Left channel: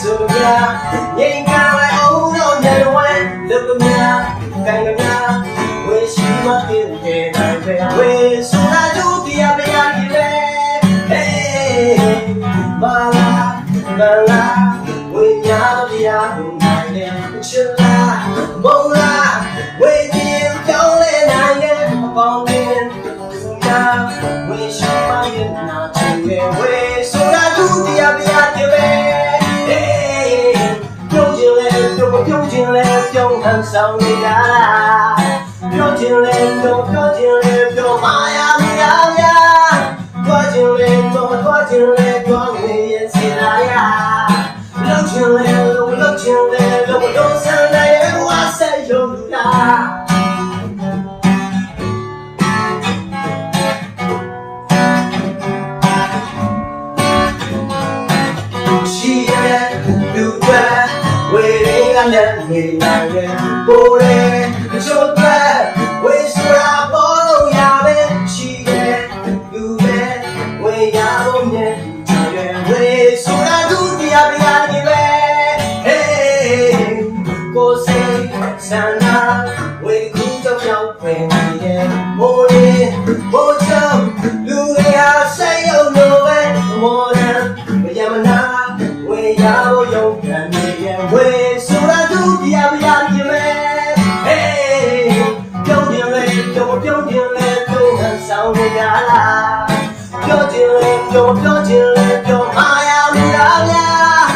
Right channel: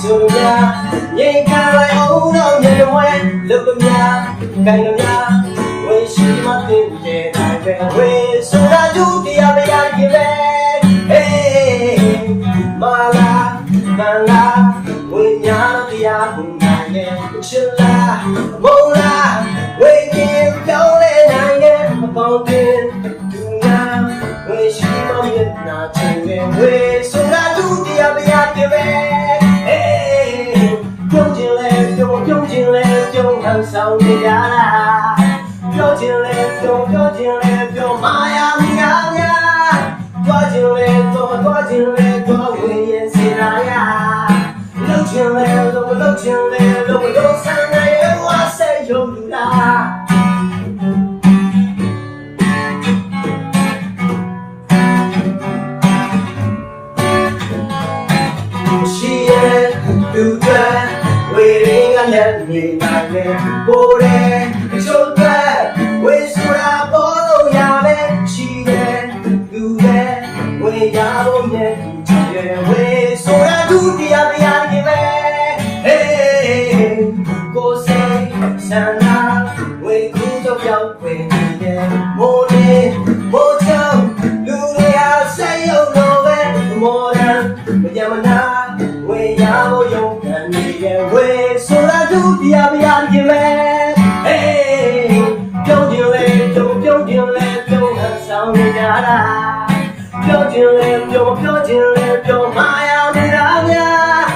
ဆိုလိုများငြိမ်ခံလိုက်အောင်တော့ညလွယ်လုကများကိုင်ကများဝေရှိမသိတဲ့တိုင်းပဲဝေဆိုတာဒုတိယမရခင်ပဲဟေးမာလာလာလာဝေညာတရားကိုနိုင်တဲ့ချစ်လားဘုံလားဝေခြင်းကြောင်းလဲနိုင်တဲ့အပေါင်းတင်သူများဝေရှိမမျက်နှာချင်ပဲ ပြုံးဟန်ဆောင်နေကြလားပြောခြင်းလဲပြောပြောခြင်းလဲပြောမာယာမယားများတွားခြင်းလဲတွားတွားခြင်းလဲတွားဝေရင်စီလာယာလှုပ်ခြင်းလဲလှုပ်လှုပ်ခြင်းလဲလှုပ်လှုပ်ဆန်းလဲဝါဆက်ယုံလူတာရှိ နေနိုင်တယ်ကိုယ်ရဲ့အချို့တွေဝေဆိုတာပေါ်လို့ရပဲရှိရဲ့လူတွေဝေရဖို့မြဲချင်ရဲ့ဝေဆိုတာဒုတိယပြာကြီးပဲဟေးကိုယ်စိတ်ဆန္ဒဝေခုတော့ပြောင်းဝင်နေတဲ့မိုးလေးမိုးချုံလူတွေဟာစိတ်ယုံလို့ပဲမော်ဒန်မယမနာဝေရဖို့ယုံခံနေရဲ့ဝေ ပြောခြင်းလေပြောပြောခြင်းလေပြောမာယာမရာများ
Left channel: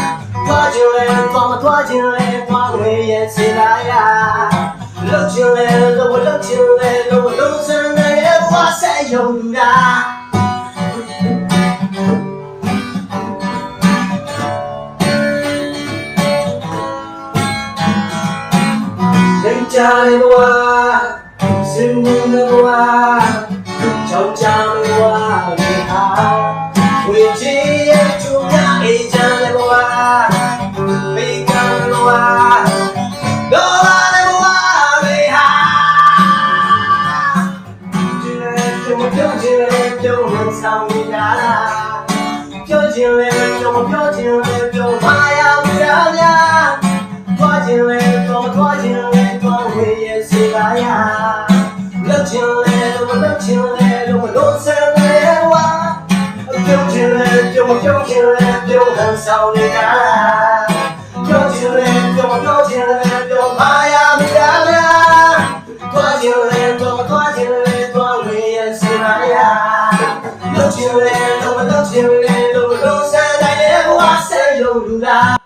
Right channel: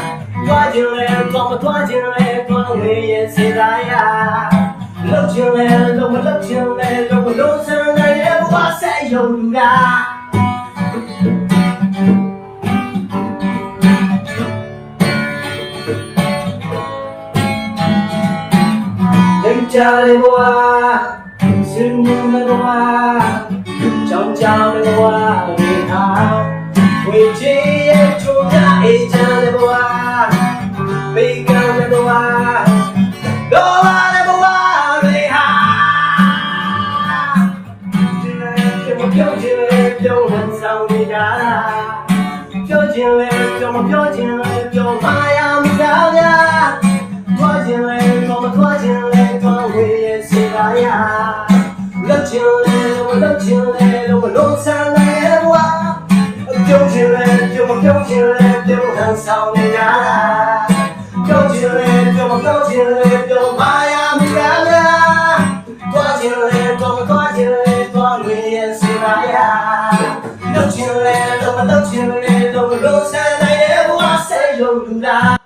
သွားခြင်းလေသွားမသွားခြင်းလေသွားဝေရဲ့စေတာယာလှုပ်ခြင်းလေလှုပ်လှု ပ်ခြင်းလေလှုပ်လှုပ်စံနေဝါဆက်ယုံလူတာလိမ်ကြလေဘွာစင်မြင်လေဘွာကြောင်ကြလေဘွာလေဟာဝေချေရဲ့ချုံရအေးကြလေဘွာဘေးကလေဘွာတော့ပါလေဘွာလေဟာကျမပြောချင်လေပြောဟန်ဆောင်နေကြတာပြောချင်လေပြောမပြောချင်လေပြောမာယာမရများသွားခြင်းလဲတော့မသွားခြင်းလဲတော့ဝေးရဲ့စေပါရလက်ခြင်းလဲတော့ မပြုံးခြင်းလဲပြုံးဟန်ဆောင်နေကြပြောခြင်းလဲပြောမပြောခြင်းလဲပြောမာယာမရလားသွားခြင်းလဲတော့မသွားခြင်းလဲတော့ဝေးရဲ့စေပါရလုပ်ခြင်းလဲတော့မလုပ်ခြင်းလဲတော့လုံးဆန်းလဲဝါဆက်ယုံလူလား